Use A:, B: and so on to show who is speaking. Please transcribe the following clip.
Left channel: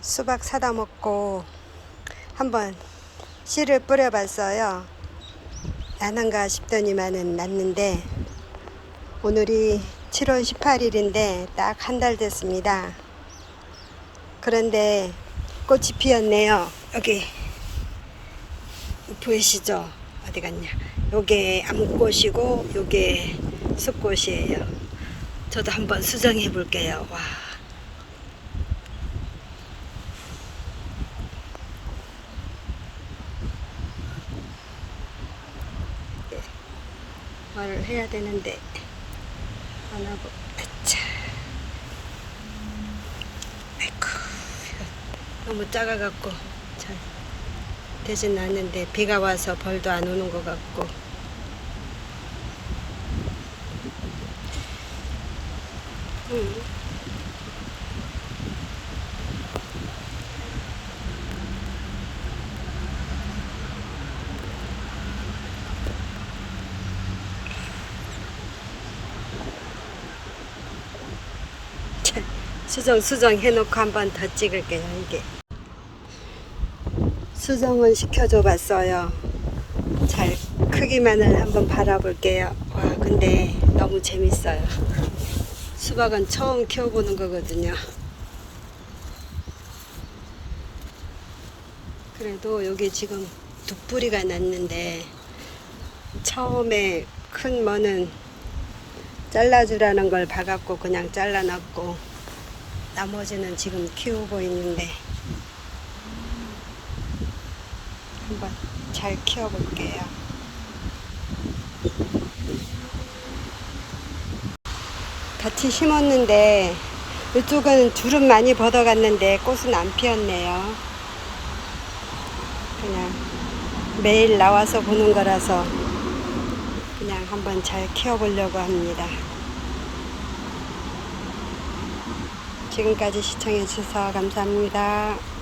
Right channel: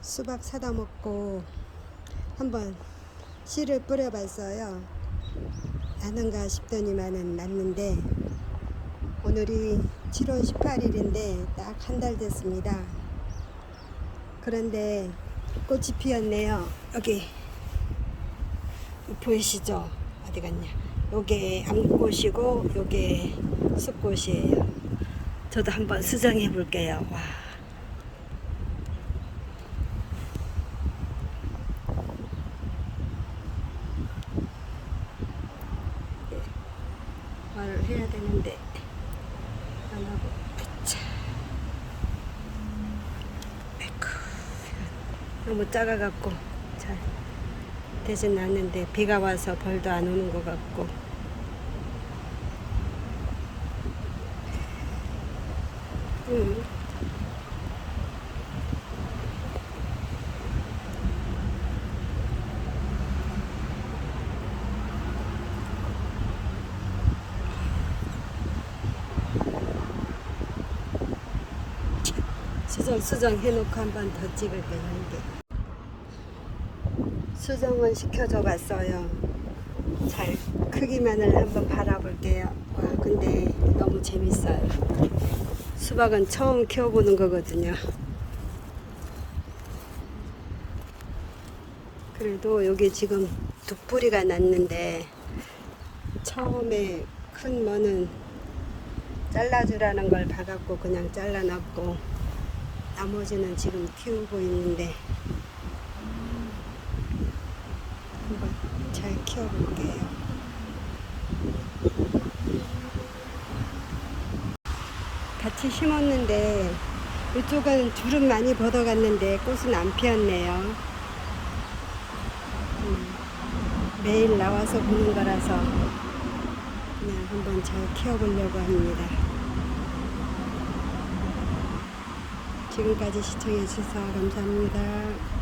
A: 수박 사다 먹고 한번 씨를 뿌려봤어요. 나는가 싶더니만은 났는데 오늘이 7월 18일인데 딱 한 달 됐습니다. 그런데 꽃이 피었네요. 여기 보이시죠? 어디 갔냐? 요게 암꽃이고 요게 숫꽃이에요. 저도 한번 수정해 볼게요. 와. 네. 말을 해야 되는데 안 하고 아차. 아이쿠 너무 작아갖고 잘 되진 않는데 비가 와서 벌도 안 오는 것 같고 음. 참, 수정 수정 해놓고 한 번 더 찍을게요 이게. 수정을 시켜줘 봤어요. 잘 크기만을 한번 바라볼게요. 와 근데 너무 재밌어요. 수박은 처음 키워보는 거거든요. 그래도 여기 지금 독뿌리가 났는데 처음에 큰 머는 잘라주라는 걸 봐갖고 그냥 잘라놨고 나머지는 지금 키우고 있는데 한번 잘 키워볼게요. 같이 심었는데 이쪽은 줄은 많이 벗어갔는데 꽃은 안 피었네요. 그냥 매일 나와서 보는 거라서 그냥 한번 잘 키워보려고 합니다. 지금까지 시청해 주셔서 감사합니다.